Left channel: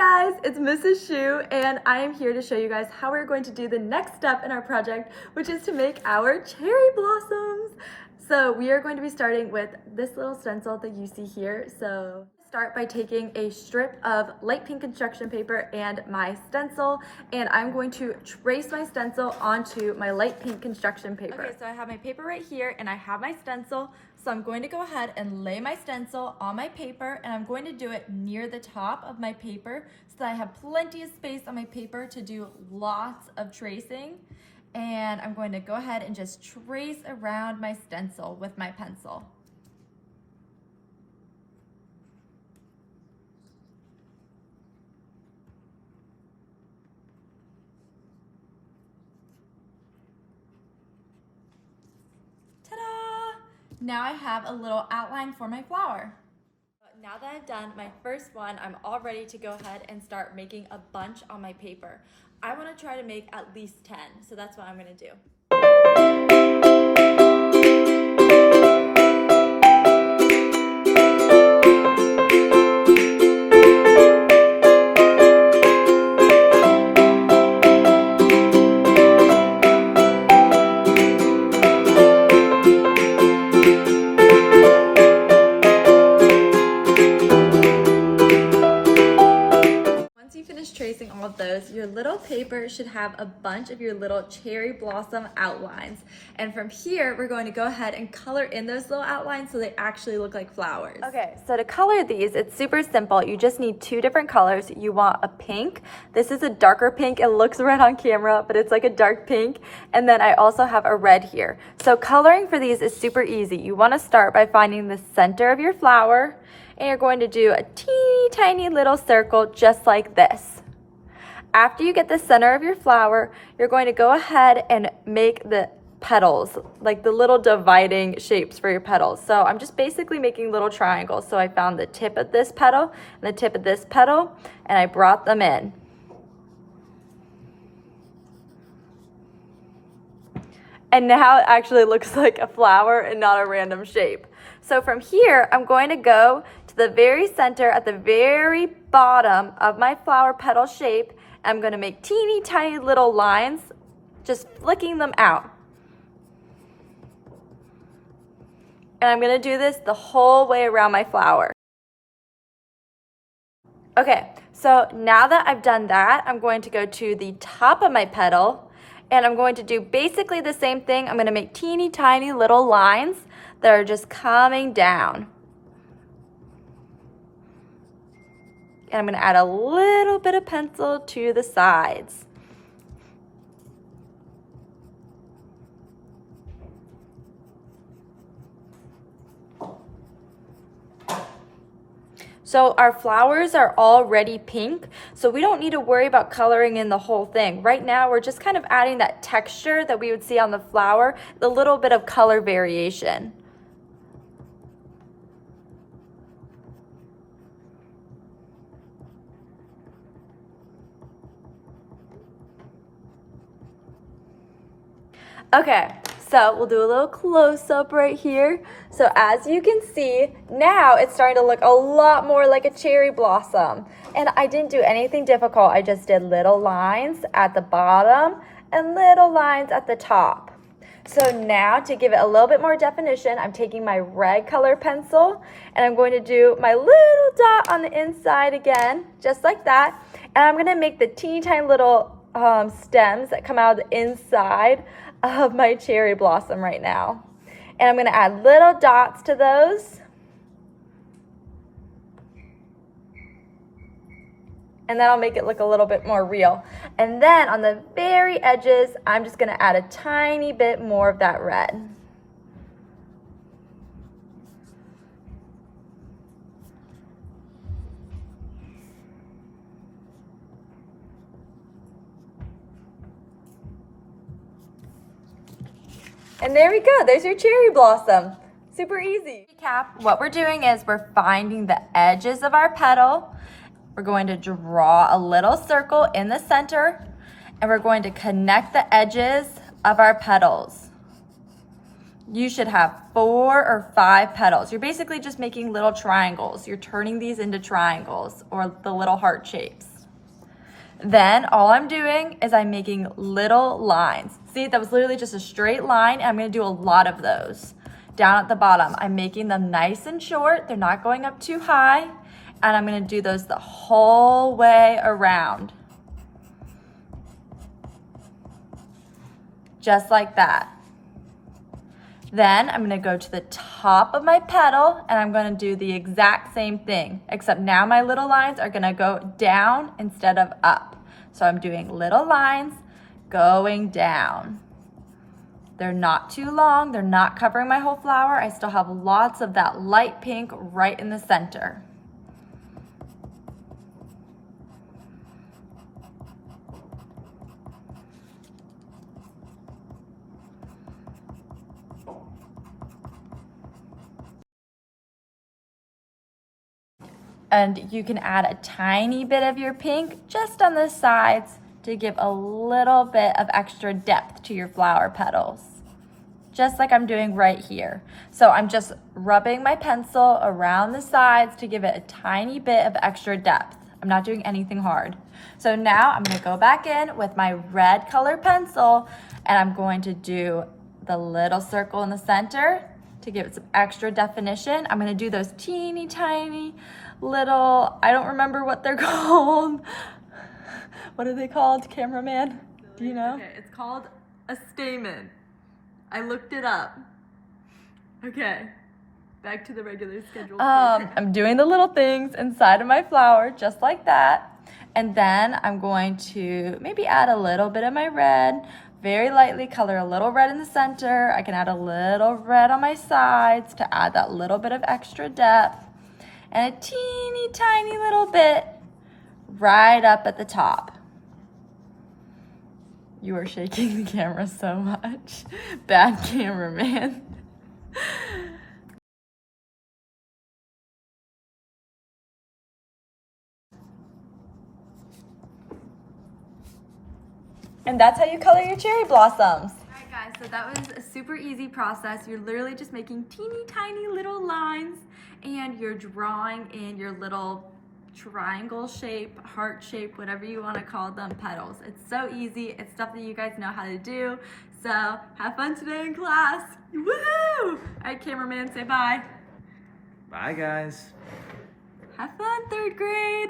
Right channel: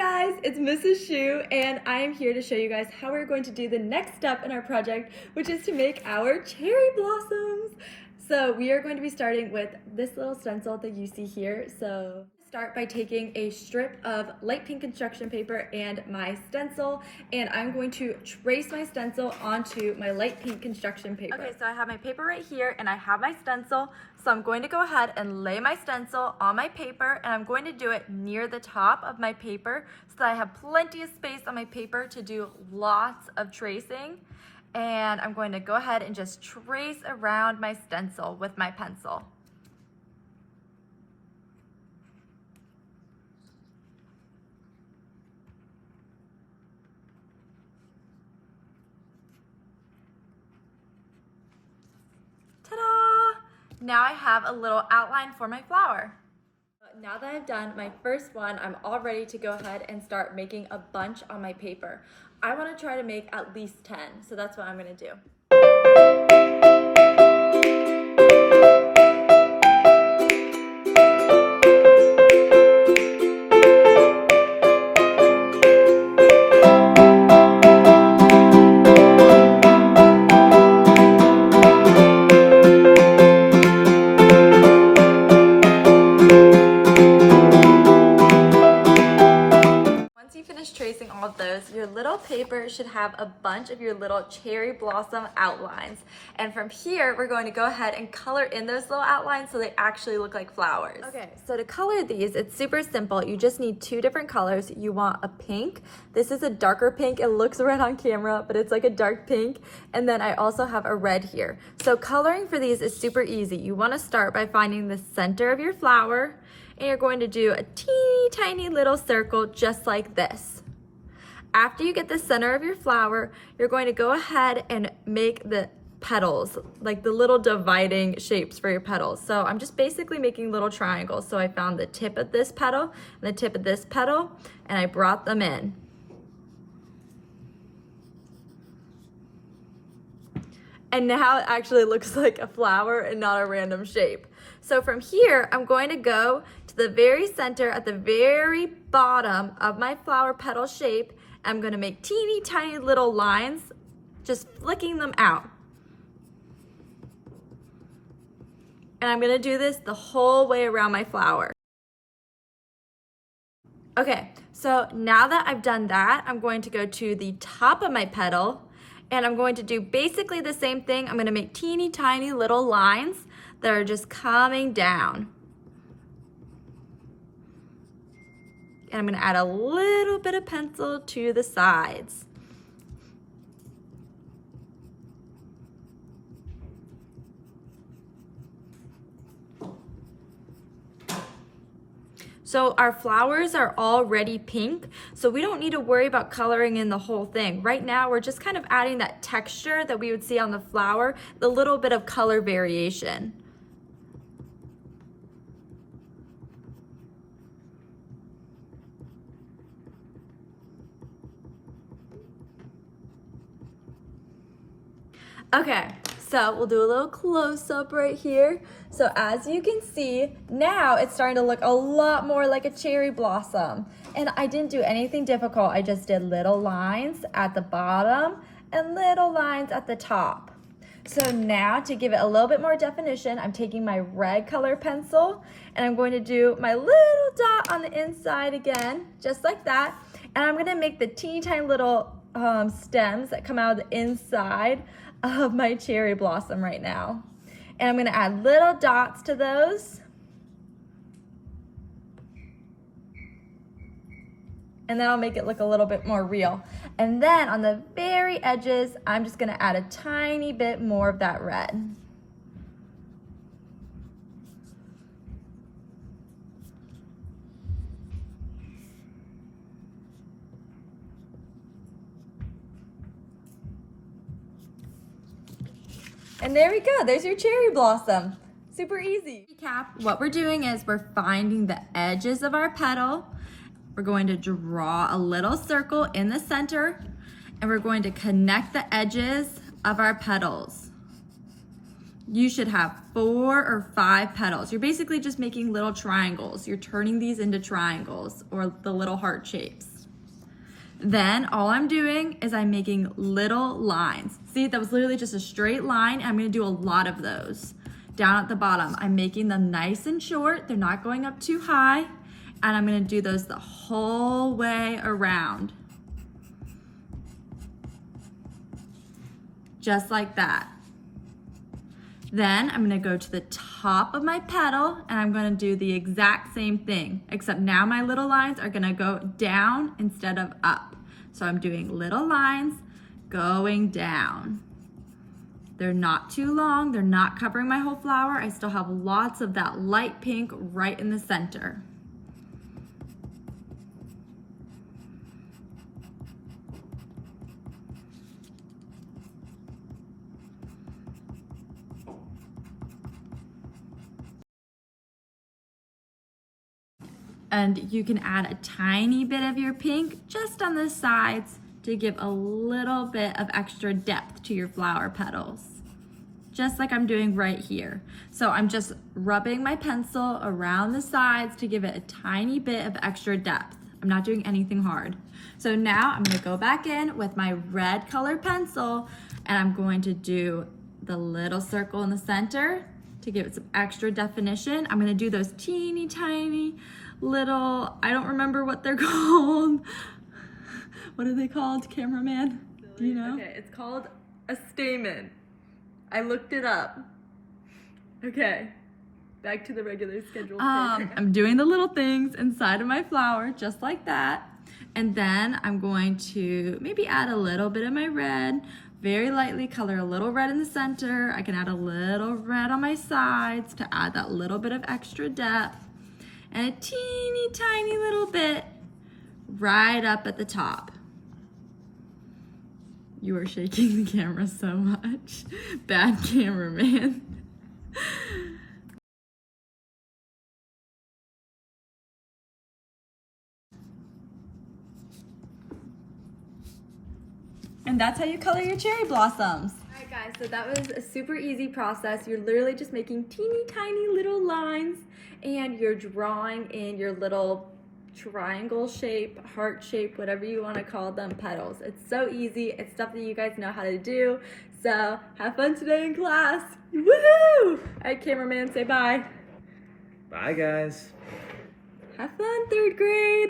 guys, it's Mrs. Shu, and I am here to show you guys how we're going to do the next step in our project, which is to make our cherry blossoms. So we are going to be starting with this little stencil that you see here. So start by taking a strip of light pink construction paper and my stencil, and I'm going to trace my stencil onto my light pink construction paper. Okay, so I have my paper right here and I have my stencil. So I'm going to go ahead and lay my stencil on my paper, and I'm going to do it near the top of my paper so that I have plenty of space on my paper to do lots of tracing. And I'm going to go ahead and just trace around my stencil with my pencil. Ta-da! Now I have a little outline for my flower. Now that I've done my first one, I'm all ready to go ahead and start making a bunch on my paper. I want to try to make at least 10, so that's what I'm going to do. Tracing all of those, your little paper should have a bunch of your little cherry blossom outlines. And from here, we're going to go ahead and color in those little outlines so they actually look like flowers. Okay, so to color these, it's super simple. You just need two different colors. You want a pink. This is a darker pink. It looks red on camera, but it's like a dark pink. And then I also have a red here. So coloring for these is super easy. You want to start by finding the center of your flower, and you're going to do a teeny tiny little circle just like this. After you get the center of your flower, you're going to go ahead and make the petals, like the little dividing shapes for your petals. So I'm just basically making little triangles. So I found the tip of this petal and the tip of this petal, and I brought them in. And now it actually looks like a flower and not a random shape. So from here, I'm going to go to the very center at the very bottom of my flower petal shape. I'm going to make teeny tiny little lines, just flicking them out. And I'm going to do this the whole way around my flower. Okay, so now that I've done that, I'm going to go to the top of my petal, and I'm going to do basically the same thing. I'm going to make teeny tiny little lines that are just coming down. And I'm going to add a little bit of pencil to the sides. So our flowers are already pink, so we don't need to worry about coloring in the whole thing. Right now, we're just kind of adding that texture that we would see on the flower, the little bit of color variation. Okay, so we'll do a little close-up right here. So as you can see, now it's starting to look a lot more like a cherry blossom. And I didn't do anything difficult. I just did little lines at the bottom and little lines at the top. So now to give it a little bit more definition, I'm taking my red color pencil and I'm going to do my little dot on the inside again, just like that. And I'm gonna make the teeny tiny little stems that come out of the inside of my cherry blossom right now. And I'm going to add little dots to those. And that'll make it look a little bit more real. And then on the very edges, I'm just going to add a tiny bit more of that red. And there we go, there's your cherry blossom. Super easy. Recap, what we're doing is we're finding the edges of our petal. We're going to draw a little circle in the center, and we're going to connect the edges of our petals. You should have 4 or 5 petals. You're basically just making little triangles. You're turning these into triangles or the little heart shapes. Then all I'm doing is I'm making little lines. See, that was literally just a straight line, and I'm gonna do a lot of those. Down at the bottom, I'm making them nice and short. They're not going up too high. And I'm gonna do those the whole way around. Just like that. Then I'm gonna go to the top of my petal and I'm gonna do the exact same thing, except now my little lines are gonna go down instead of up. So I'm doing little lines going down. They're not too long, they're not covering my whole flower. I still have lots of that light pink right in the center. And you can add a tiny bit of your pink just on the sides to give a little bit of extra depth to your flower petals, just like I'm doing right here. So I'm just rubbing my pencil around the sides to give it a tiny bit of extra depth. I'm not doing anything hard. So now I'm gonna go back in with my red color pencil and I'm going to do the little circle in the center to give it some extra definition. I'm gonna do those teeny tiny little, I don't remember what they're called. What are they called, cameraman? Do you know? Okay, it's called a stamen. I looked it up. Okay, back to the regular schedule. I'm doing the little things inside of my flower, just like that. And then I'm going to maybe add a little bit of my red, very lightly color a little red in the center. I can add a little red on my sides to add that little bit of extra depth. And a teeny tiny little bit right up at the top. You are shaking the camera so much. Bad cameraman. And that's how you color your cherry blossoms. Alright guys, so that was a super easy process. You're literally just making teeny tiny little lines and you're drawing in your little triangle shape, heart shape, whatever you want to call them, petals. It's so easy. It's stuff that you guys know how to do. So have fun today in class. Woohoo! Alright, cameraman, say bye. Bye, guys. Have fun, third grade.